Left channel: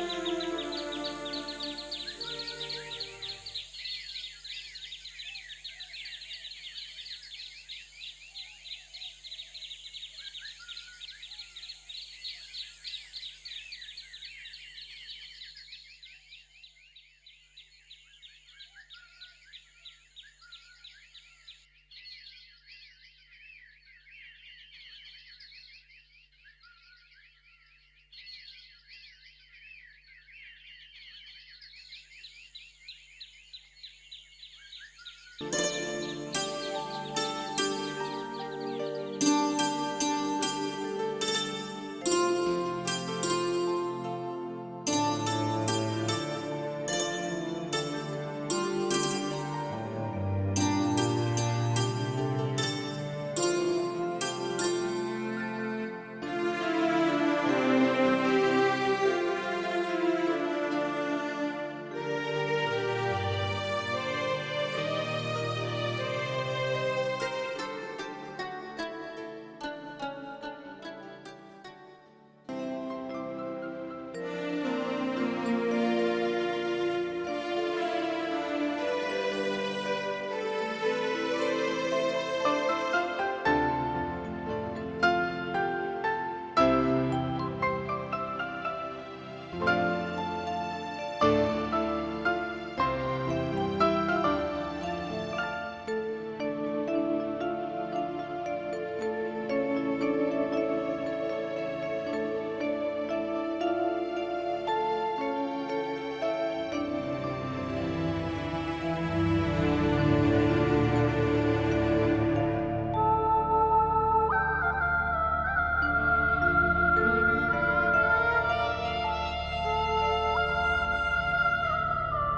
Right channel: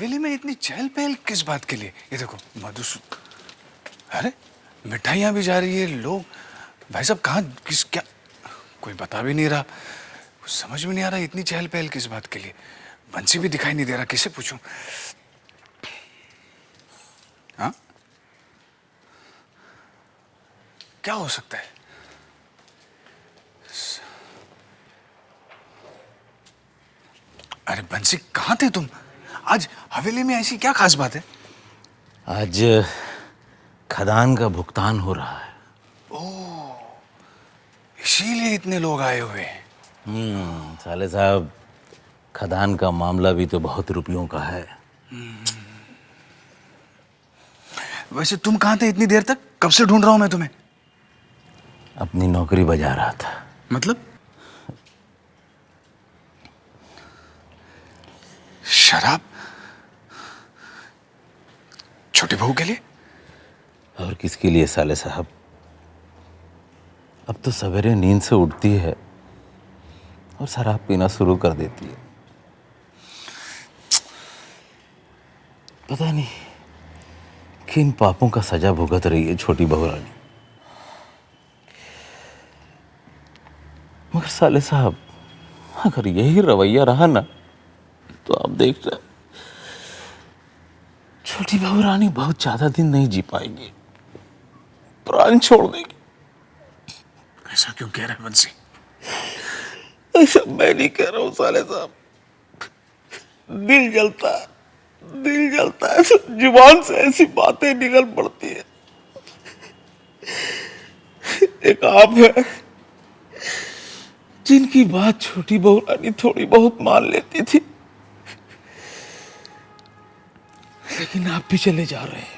हवेली में इतनी चहल पहल किस बात के लिए? ये देखो मधुसूदन, अरे मिठाइयाँ भी जा रही है, लोग, भाई साहब कहाँ, किस, क्या, कोई बता भी नहीं रहा, कुछ समझ में नहीं आ रहा इतनी चहल पहल किस बात के लिए। बंसी भी दिखाई नहीं दे रहा, किसे पूछूं? हाँ, क्या हो सकता है? अरे बंसी कहाँ थे तुम? आज हवेली में ऐसी क्या खास बात है? आज खदान का भुगतान हो रहा है। इसीलिए इतने लोग आए हुए हैं। साले साहब, खदान का मामला भी तो बहुत रुपयों का है। वैसे तुम कहाँ थे इतनी देर तक? कब से ढूंढ रहा हूं मैं तुम्हें। अपनी नौकरी बजा रहा था। मतलब? शराब छोटे बहू के लिए? और किसके लिए साले साहब? अब तो सवेरे नींद से उठती है और शराब पीना शुरू कर देती है। पता नहीं किन पापों का सजा भुगत रही है छोटी बहू रानी। मगर साले साहब, अगर यही रवैया रहा ना तो आप देख रहे, छोटी बहू रानी बहुत ज्यादा दिन नहीं जी पाएगी, प्राण छोड़ देगी। ऐसा क्यों कह रहे हैं बंसी? ऐसा मैं नहीं कह रहा हूँ साले साहब, दिल जलता है, दिल जलता है, जुबान से ऐसी बातें निकल पड़ती है। एक आप है जिनकी बात छोटी बहू रानी थोड़ी बहुत मान लेती थी, लेकिन आप भी चले जा रहे हैं।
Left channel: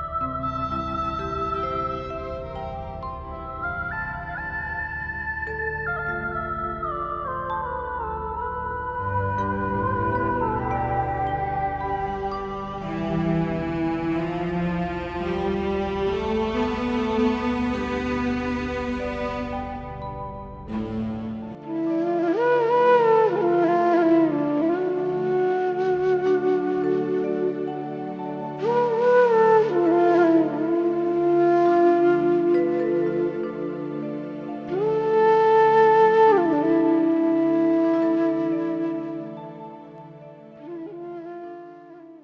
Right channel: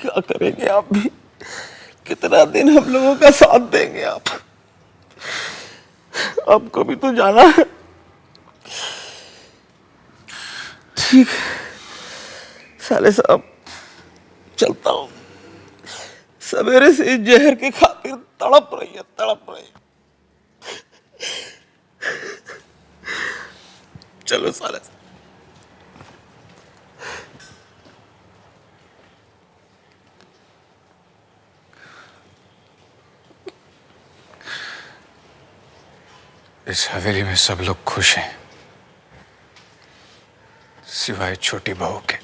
क्या करेंगे आप भी? कितना दिन हम लोगों का साथ देंगे आप? आपको भी तो जाना है। ठीक साले साहब, चलता हूं। सवेरे से जहर की खातिर तड़प रही है, तड़प रही है। चलो साले साहब। इस हवेली में सब लोग खुश हैं सिवाय छोटी बहू के।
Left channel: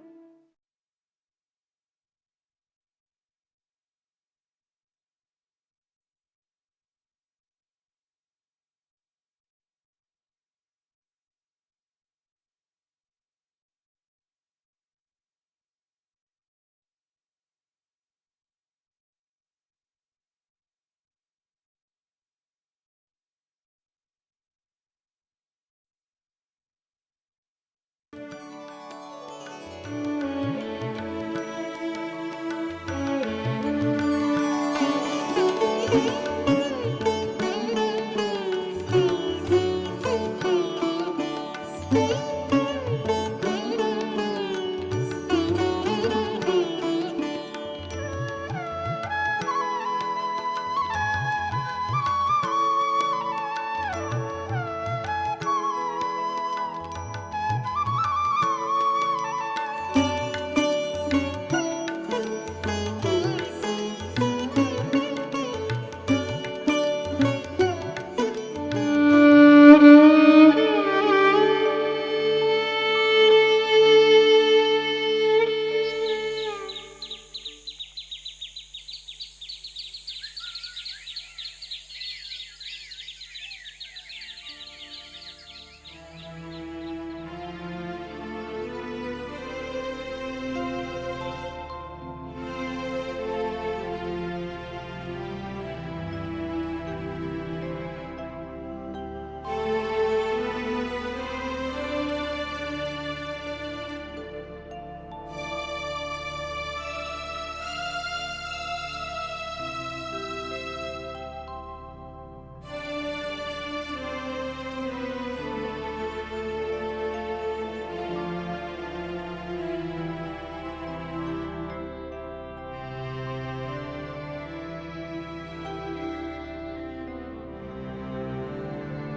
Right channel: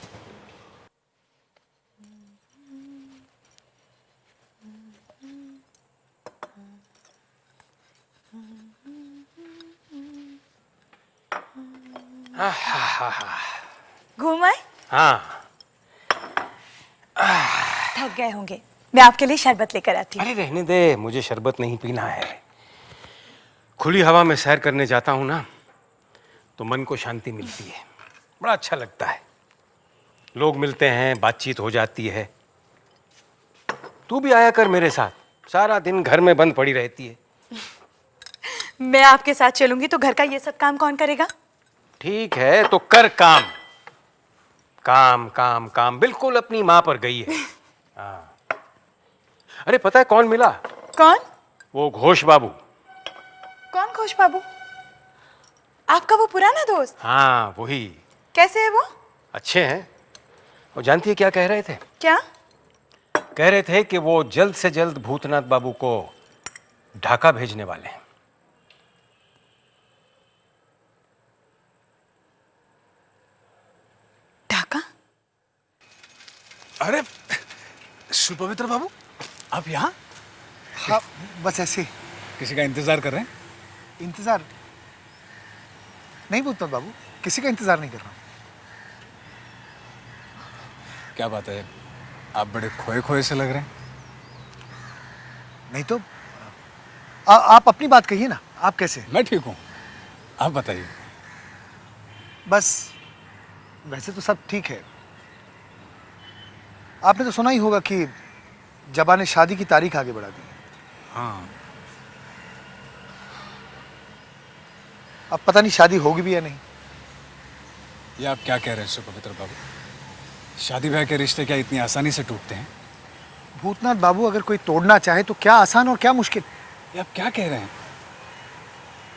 घूम आए? हाँ, थक गए होंगे, मैं आपके लिए शरबत लेकर आती हूँ। अरे रहने दे, मुझे शरबत नहीं पीना है। खुली हवा में सैर करने जाता हूँ ना तो मन को शांति मिलती है, बड़ा अच्छा लगता है। लोग मिलते हैं, बातचीत हो जाती है। तू भी आया कर मेरे साथ, सारा दिन घर में बंद पड़ी रहती है। मैं आपके साथ चलूंगी तो घर का ये सब काम कौन करेगा? ठीक है तो कर काम। काम काम काम, बिल्कुल अपनी माँ पर गई है। अरे पता है कौन मिला? कौन? वो घोष बाबू। कौन घोष बाबू? आपका वो पुराना दोस्त? हाँ वही। कैसे है वो? अच्छे हैं। वो जानती है क्या कह रहे थे? क्या? कह रहे थे कि वो जल्द से जल्द भूतनाथ बाबू को ढाका भेजने वाले हैं। ढाका? अरे सुपवित्र बाबू, आप यहाँ? हाँ, बस ऐसे। किसी का इंतजार कर रहे हैं? इंतजार नहीं बोलता बाबू, किसी का इंतजार नहीं कर रहा। क्या बात है, आप बड़े खोए खोए से लग रहे हैं। नहीं तो आप अपनी बात कहिए ना, आप कैसे हैं? मैं ठीक हूँ, आप बताइए। बस वैसे तो सब ठीक है। आपने तो सुना ही होगा कि जबा ने शादी की तारीख आगे बढ़ा दी। हाँ, अब पता नहीं शादी होगी भी या नहीं। ये आप क्या कह रहे हैं सुपवित्र बाबू? शादी ब्याह के रिश्ते क्या इतनी आसानी से टूटते हैं? भूतनाथ बाबू अगर कोई तोड़ना चाहे तो क्या आसान और क्या मुश्किल। ये आप क्या कह रहे हैं?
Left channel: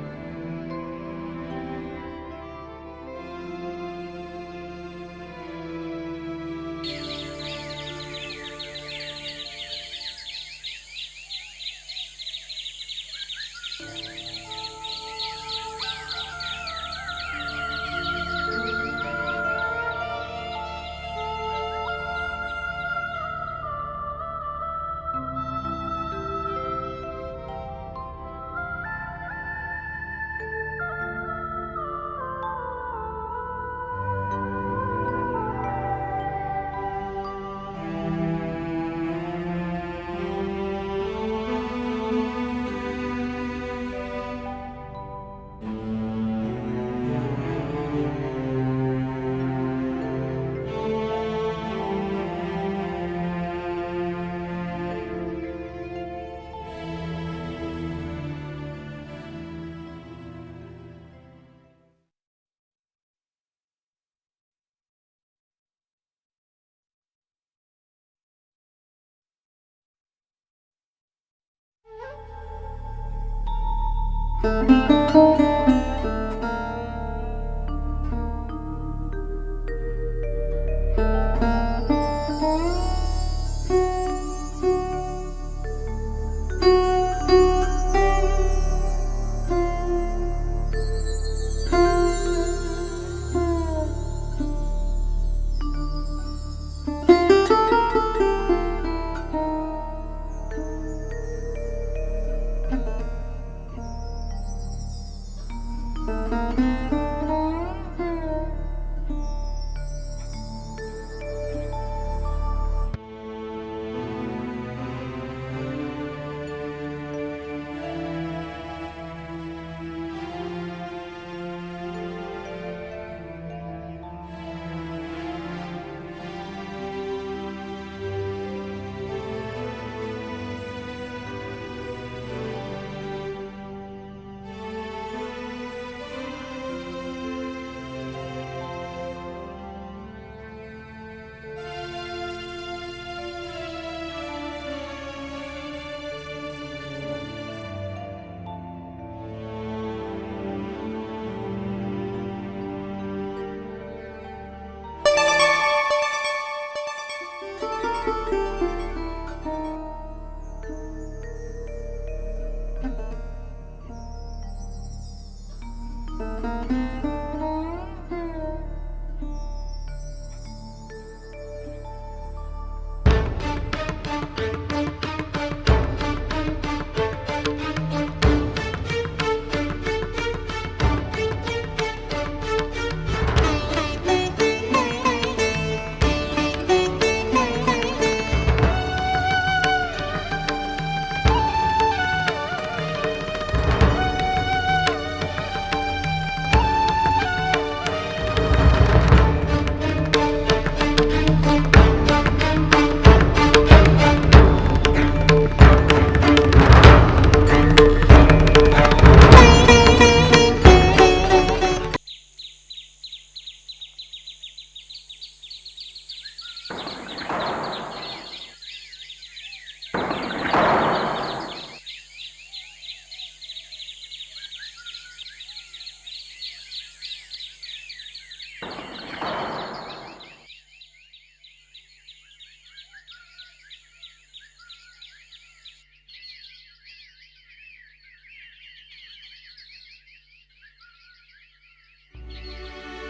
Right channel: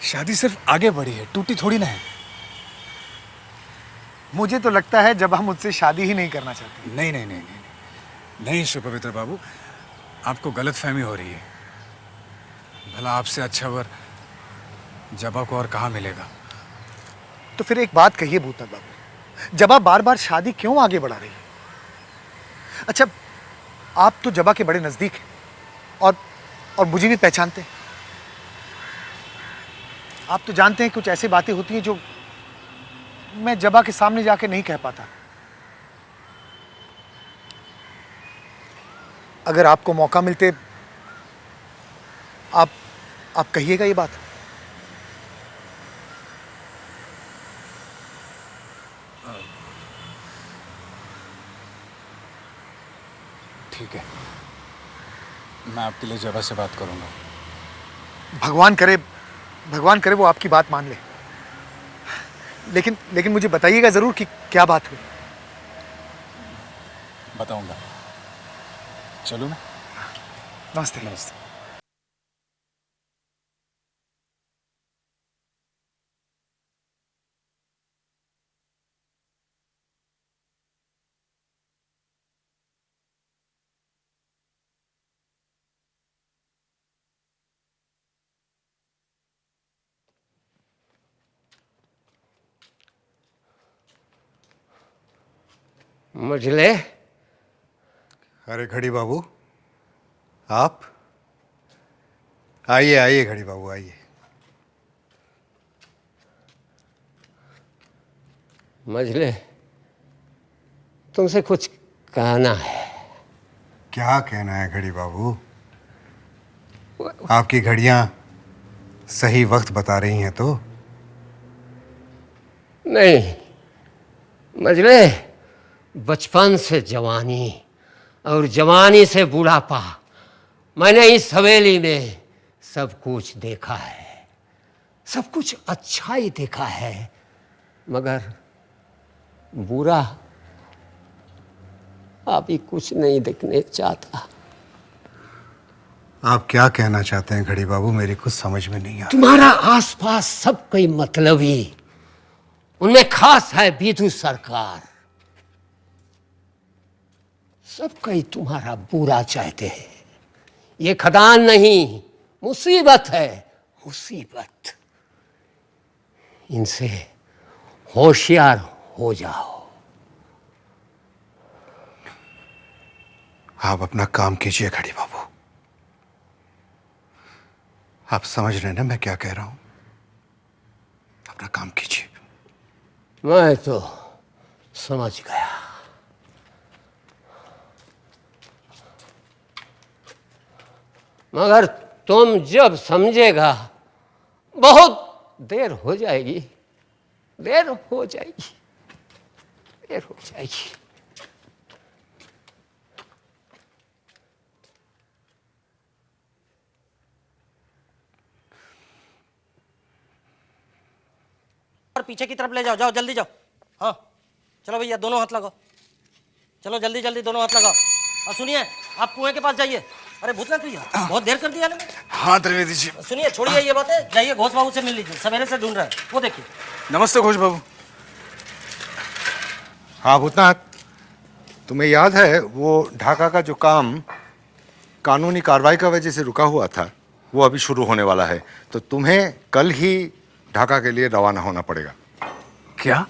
शादी सिर्फ आगे बढ़ी है, टूटी थोड़ी ना है। मुझे तो लगता है जब हम मुझसे शादी ही नहीं करना चाहते। नहीं नहीं नहीं नहीं, नहीं सुपवित्र बाबू, आपको गलतफहमी हो रही है। भला आपसे अच्छा वर जबा को और कहाँ मिलेगा? तो फिर एक बात कहिए भूतनाथ बाबू, जबा बार बार शादी क्यों आगे बढ़ा रही है? अच्छा, आप तो जबा के बड़े नजदीक हैं और मुझे भी पहचानते हैं। आप तो जानते हैं कुछ ऐसी बातें होती हैं जो मैं जबा के सामने जाके नहीं कह पाता। अगर आपको मौका मिलते आप कहिएगा ये बात। ठीक है, मैं आपके लिए जबा से बात करूंगा। भगवान करे वो आपकी बात मान ले। लेकिन मुझे बताइएगा जरूर कि क्या बात हुई। बताऊंगा। चलो मैं। नमस्ते। नमस्ते। मझले, अरे घड़ी बाबू, आप आइए आइए घड़ी बाबू आइए। मझले, तुमसे कुछ कहना है। क्या कहना है घड़ी बाबू? आपकी घड़ियां सही वक्त बता रही हैं तो? नहीं मझले, बचपन से जवानी और जवानी से बुढ़ापा, मैंने इस हवेली में सब कुछ देखा है, सब कुछ अच्छा ही देखा है, मगर बुरा अभी कुछ नहीं देखने चाहता। आप क्या कहना चाहते हैं घड़ी बाबू? मेरी कुछ समझ में नहीं आ रहा। तुम्हारा आसपास सब कोई मतलबी, उनमें खास है विधु सरकार, सब कोई तुम्हारा पूरा चाहते हैं। ये खदान नहीं, मुसीबत है, मुसीबत। इनसे होशियार हो जाओ। आप अपना काम कीजिए घड़ी बाबू। आप समझ रहे हैं ना मैं क्या कह रहा हूं? अपना काम कीजिए। मैं तो समझ गया। मगर तुम जब समझेगा बहुत देर हो जाएगी, देर हो जाएगी, देर हो जाएगी। पीछे की तरफ ले जाओ, जाओ जल्दी जाओ। हाँ चलो भैया, दोनों हाथ लगाओ, चलो जल्दी जल्दी दोनों हाथ लगाओ। और सुनिए, आप कुएं के पास जाइए। अरे भूल बहुत देर कर दिया ना। हाँ त्रिवेदी जी। सुनिए, छोड़िए ये बातें, जाइए घोष बाबू से मिल लीजिए, सवेरे से ढूंढ रहे हैं, वो देखिए। नमस्ते घोष बाबू। हाँ भूतनाथ, तुम्हें याद है वो ढाका का जो काम कानूनी कार्रवाई का वजह से रुका हुआ था, वो अभी शुरू होने वाला है। तो तुम्हें कल ही ढाका के लिए रवाना होना पड़ेगा। क्या?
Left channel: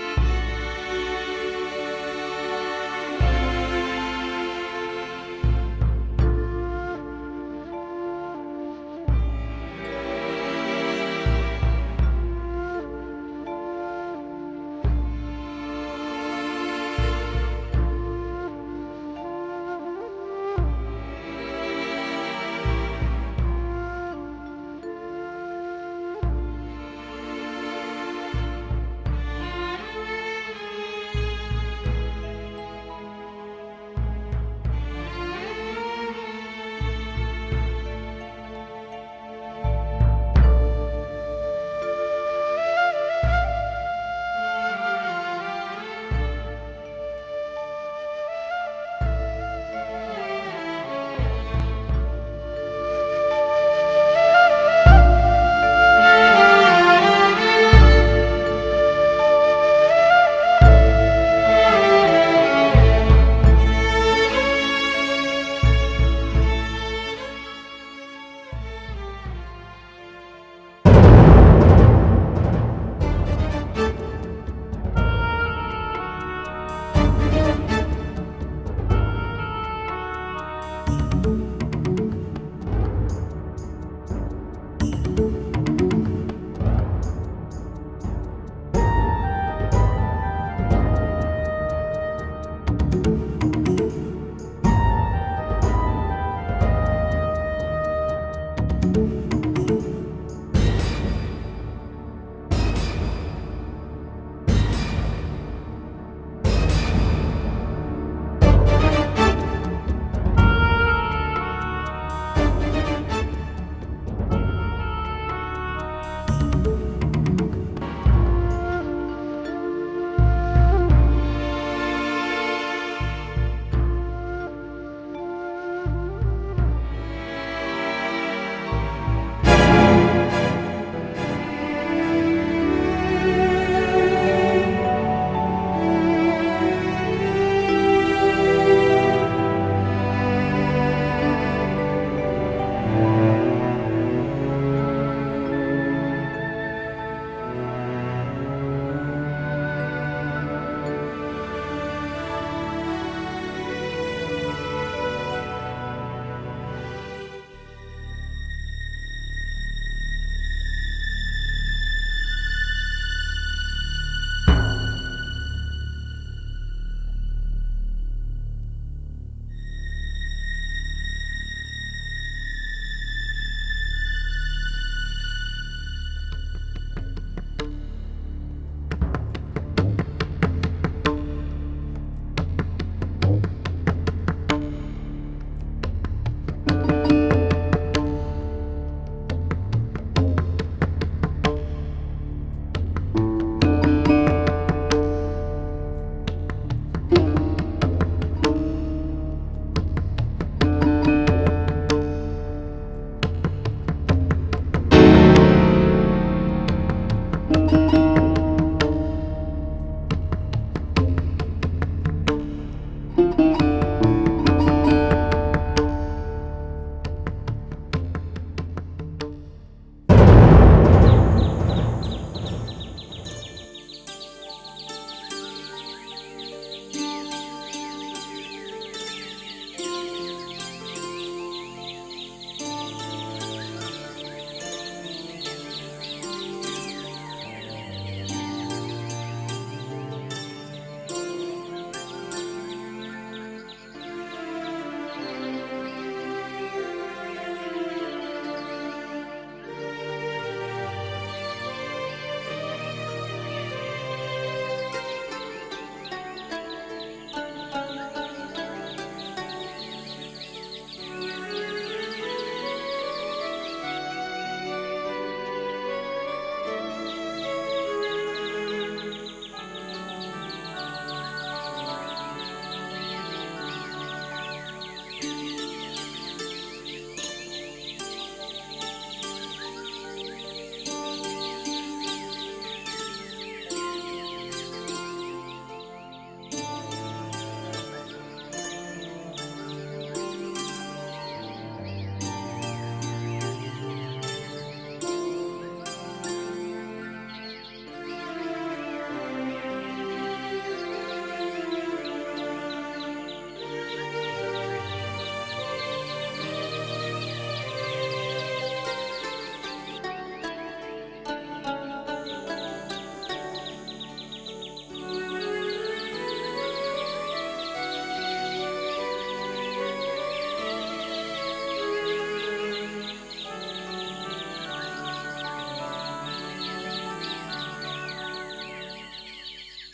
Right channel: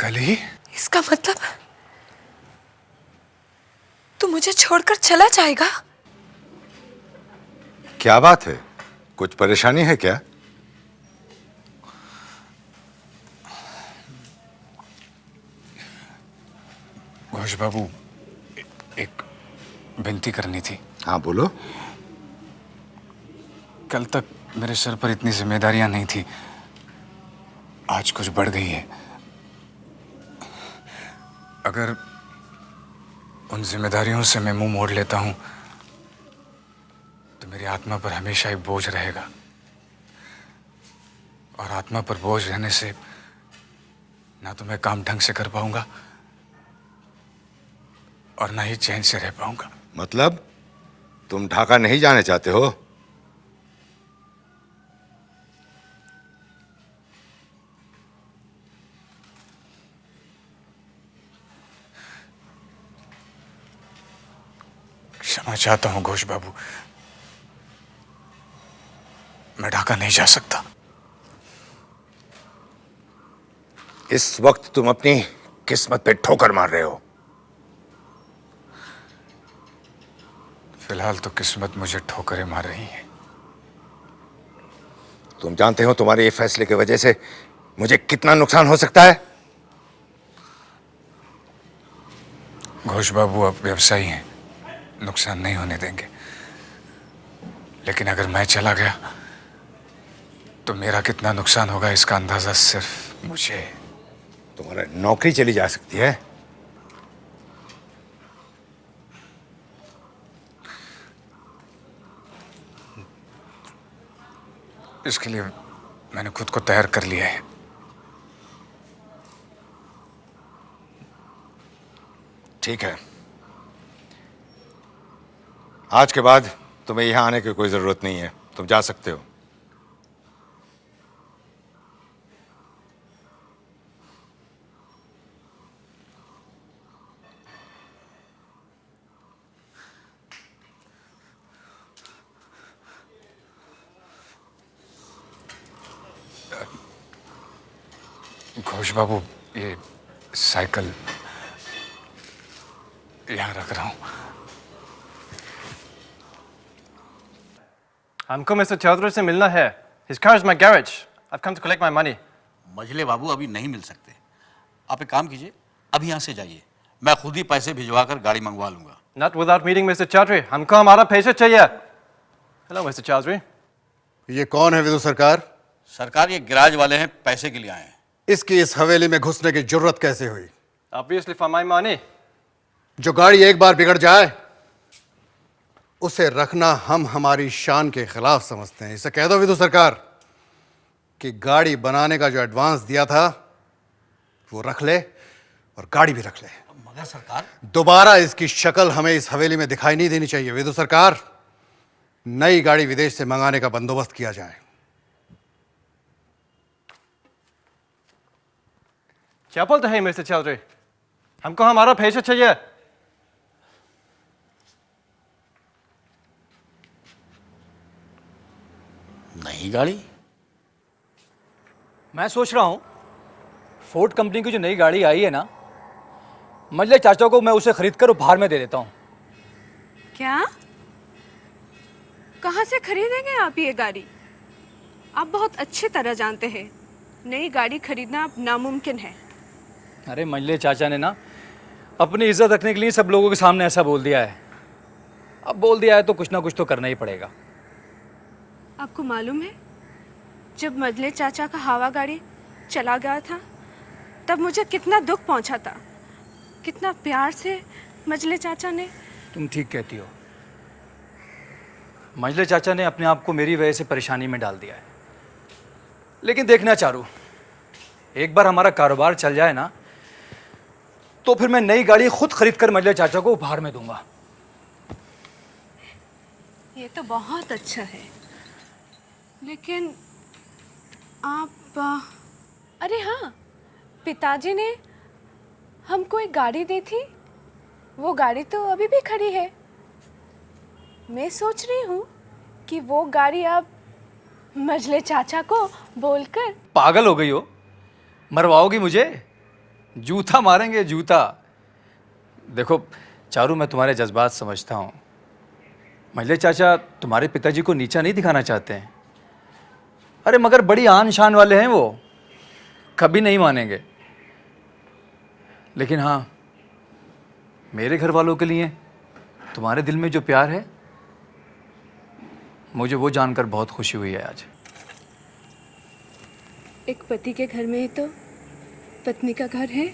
कल ही? इसका मतलब तू मुझे छोड़कर चला जाएगा? क्या बात है, कुछ परेशानी है क्या? घोष बाबू, एक विनती करनी थी। हाँ बोलो। कल तक मेरे सर पर इतनी जिम्मेदारियां नहीं थी, आज कुछ बढ़ गई है। अगर उन जिम्मेदारियों से मैं मुंह मोड़ लेता हूं तो मेरी आत्मा पर हमेशा एक बोझ रहेगा, और आत्मा पर बोझ रहने से ना तो मैं काम ढंग से कर पाऊंगा और ना ही चैन से रह पाऊंगा। मतलब तुम ढाका नहीं जाने चाहते हो? खुश बाबू, मैं ढाका नहीं जा सकता। इस वक्त तुम अपनी किस्मत पे ठोकर मार रहे हो। फिलहाल तो किस्मत मुझे ठोकरें मार रही है। तुम जानते हो तुम्हारे ये फैसले की वजह से मुझे कितना नुकसान हो सकता है। खुश बाबू अब व्यवसायी हैं, नुकसान नहीं होने देंगे। लेकिन अगर मैं चला गया तो मेरा कितना नुकसान होगा इसका अंदाजा सिर्फ मुझे। नौकरी चली जा सकती है। इसके लिए मैंने खुद को तैयार कर लिया है। ठीक है, आज के बाद तुम्हें यहां आने की कोई जरूरत नहीं है, तुम जा सकते हो। खुश बाबू, ये साइकिल यहाँ रख रहा हूँ। हमको मिस्टर चौधरी से मिलना है। His car is my garage. I've come to collect my money. मजले बाबू अभी नहीं मिल सकते। आप एक काम कीजिए, अभी यहाँ से जाइए, मैं खुद ही पैसे भिजवा कर गाड़ी मंगवा लूंगा। Not without meeting Mr. Chaudhary. हमको हमारा पैसे चाहिए। Hello, Mr. Chaudhary. ये कौन है विदु सरकार? सरकार ये गिराज वाले हैं, पैसे के लिए आए हैं। इसकी इस हवेली में घुसने की जरूरत कैसे हुई? Obviously for my money. जो गाड़ी एक बार बिगड़ जाए उसे रखना हम हमारी शान के खिलाफ समझते हैं। इसे कह दो विदु सरकार कि गाड़ी बनाने का जो एडवांस दिया था वो रख ले और गाड़ी भी रख ले। दोबारा इसकी शक्ल हमें इस हवेली में दिखाई नहीं देनी चाहिए। विदु सरकार, नई गाड़ी विदेश से मंगाने का बंदोबस्त किया जाए। क्या बोलते हैं मिस्टर चौधरी? हमको हमारा पैसे चाहिए। नई गाड़ी? मैं सोच रहा हूँ फोर्ड कंपनी की जो नई गाड़ी आई है ना, मजले चाचा को मैं उसे खरीद कर उपहार में दे देता हूँ। क्या? कहाँ से खरीदेंगे आप ये गाड़ी? आप बहुत अच्छी तरह जानते हैं नई गाड़ी खरीदना अब नामुमकिन है। अरे मजले चाचा ने ना अपनी इज्जत रखने के लिए सब लोगों के सामने ऐसा बोल दिया है। अब बोल दिया है तो कुछ ना कुछ तो करना ही पड़ेगा। आपको मालूम है जब मजले चाचा का हवा गाड़ी चला गया था तब मुझे कितना दुख पहुंचा था, कितना प्यार से मजले चाचा ने। तुम ठीक कहती हो। मजले चाचा ने अपने आप को मेरी वजह से परेशानी में डाल दिया। लेकिन देखना चारू, एक बार हमारा कारोबार चल जाए ना तो फिर मैं नई गाड़ी खुद खरीद कर मजले चाचा को उपहार में दूंगा। ये तो बहुत अच्छा है, लेकिन आप अरे हाँ, पिताजी ने हमको एक गाड़ी दी थी, वो गाड़ी तो अभी भी खड़ी है। मैं सोच रही हूँ कि वो गाड़ी अब मजले चाचा को बोलकर। पागल हो गई हो? मरवाओगी मुझे? जूता मारेंगे, जूता। देखो चारू, मैं तुम्हारे जज्बात समझता हूँ। मजले चाचा तुम्हारे पिताजी को नीचा नहीं दिखाना चाहते हैं। अरे मगर बड़ी आन शान वाले हैं वो, कभी नहीं मानेंगे। लेकिन हाँ, मेरे घर वालों के लिए तुम्हारे दिल में जो प्यार है, मुझे वो जानकर बहुत खुशी हुई है आज। एक पति के घर में ही तो पत्नी का घर है।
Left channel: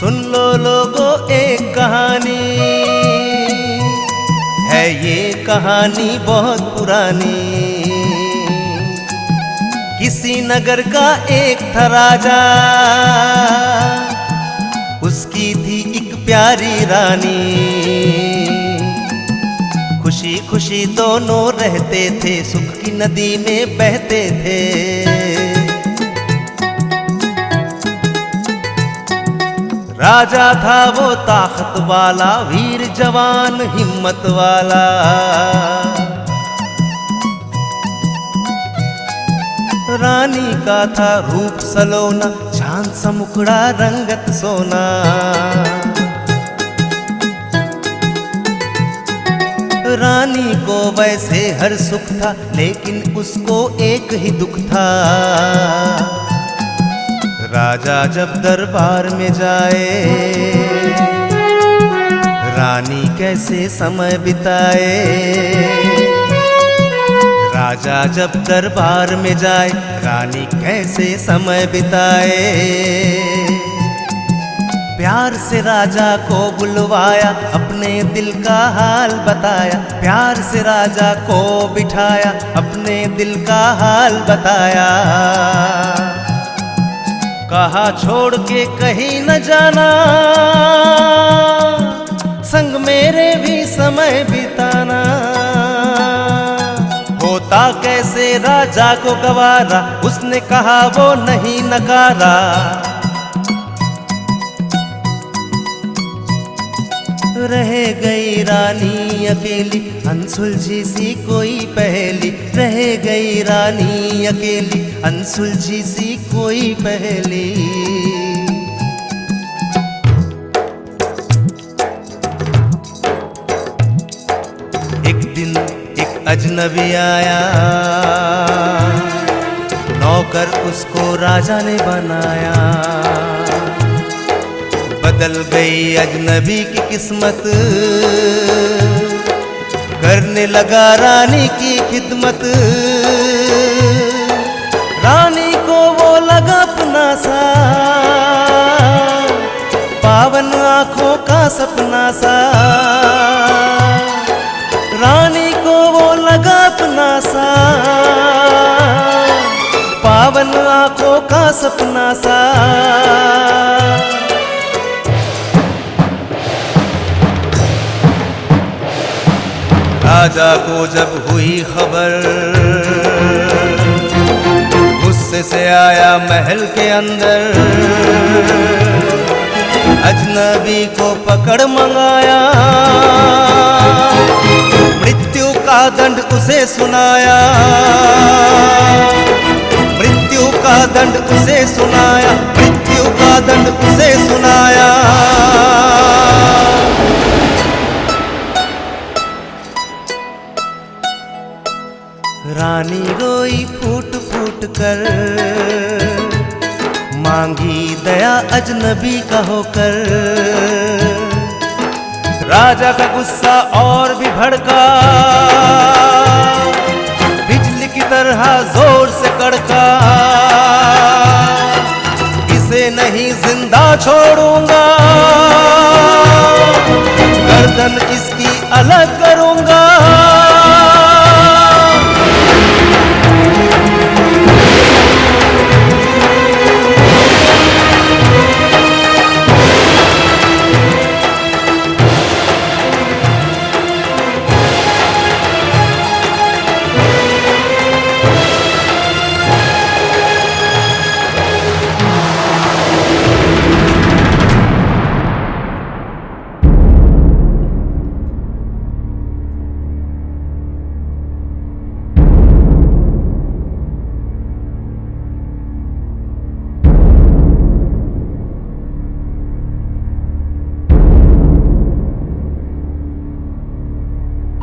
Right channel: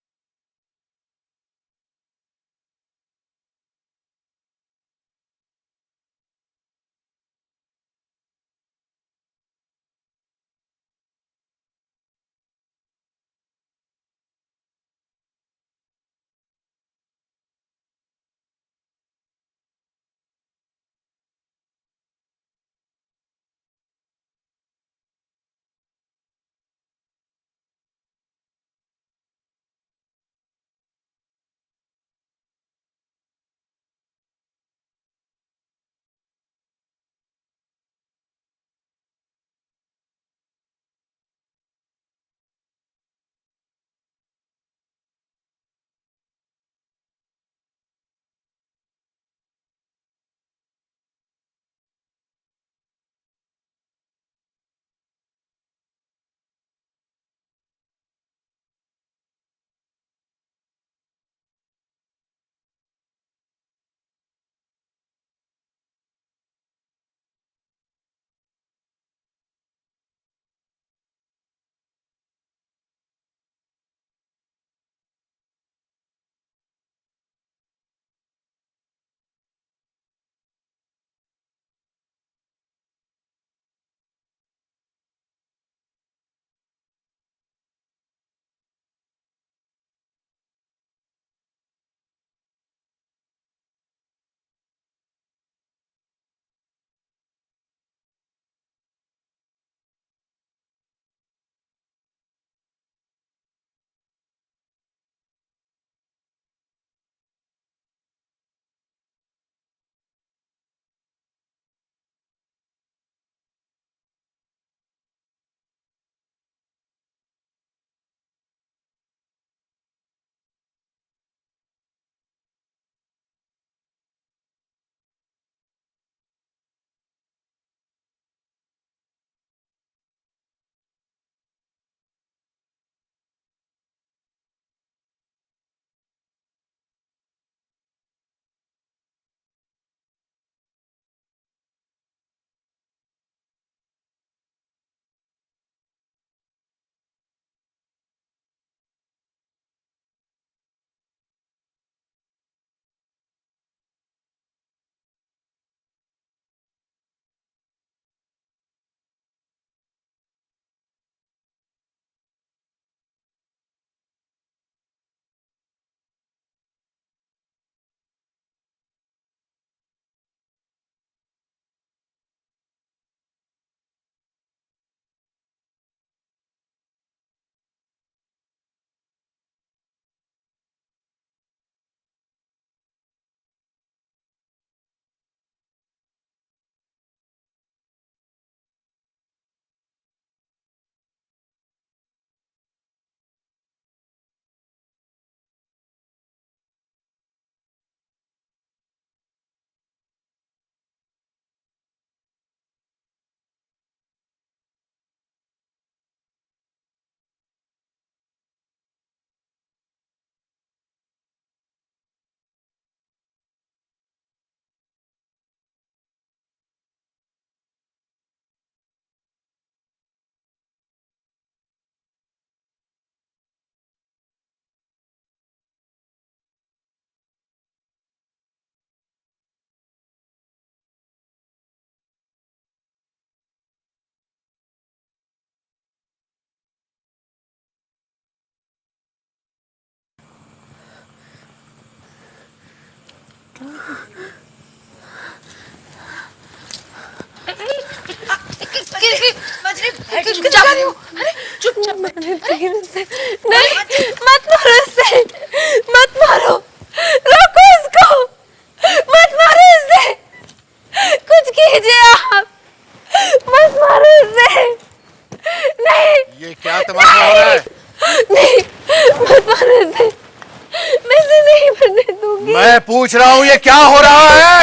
सुन लो लोगों एक कहानी है, ये कहानी बहुत पुरानी। किसी नगर का एक था राजा, उसकी थी एक प्यारी रानी। खुशी खुशी दोनों रहते थे, सुख की नदी में बहते थे। राजा था वो ताकत वाला, वीर जवान हिम्मत वाला। रानी का था रूप सलोना, चांद सा मुखड़ा रंगत सोना। रानी को वैसे हर सुख था, लेकिन उसको एक ही दुख था। राजा जब दरबार में जाए, रानी कैसे समय बिताए। राजा जब दरबार में जाए, रानी कैसे समय बिताए। प्यार से राजा को बुलवाया, अपने दिल का हाल बताया। प्यार से राजा को बिठाया, अपने दिल का हाल बताया। कहा छोड़ के कहीं न जाना, संग मेरे भी समय बिताना। होता कैसे राजा को गवारा, उसने कहा वो नहीं नकारा। रह गई रानी अकेली, अनसुलझी सी कोई पहेली। रह गई रानी अकेली, अनसुलझी सी कोई पहेली। एक दिन एक अजनबी आया, नौकर उसको राजा ने बनाया। बदल गई अजनबी की किस्मत, करने लगा रानी की खिदमत। रानी को वो लगा अपना सा, पावन आंखों का सपना सा। रानी को वो लगा अपना सा, पावन आंखों का सपना सा। राजा को जब हुई खबर, गुस्से से आया महल के अंदर। अजनबी को पकड़ मंगाया, मृत्यु का दंड उसे सुनाया। मृत्यु का दंड उसे सुनाया, मृत्यु का दंड उसे सुनाया। रानी रोई फूट फूट कर, मांगी दया अजनबी का होकर। राजा का गुस्सा और भी भड़का, बिजली की तरह जोर से कड़का। इसे नहीं जिंदा छोड़ूंगा, गर्दन इसकी अलग करूंगा। मत मारो, रोको इसको, मत मारो इसे, कुछ कीजिए आप, मत मारो इसे। नहीं, ये क्या तमाशा हो रहा है? नहीं, मत मारो इसे, मैं इसे नहीं मरने दूंगी। मैं पूछ रहा हूँ ये क्या हो रहा है?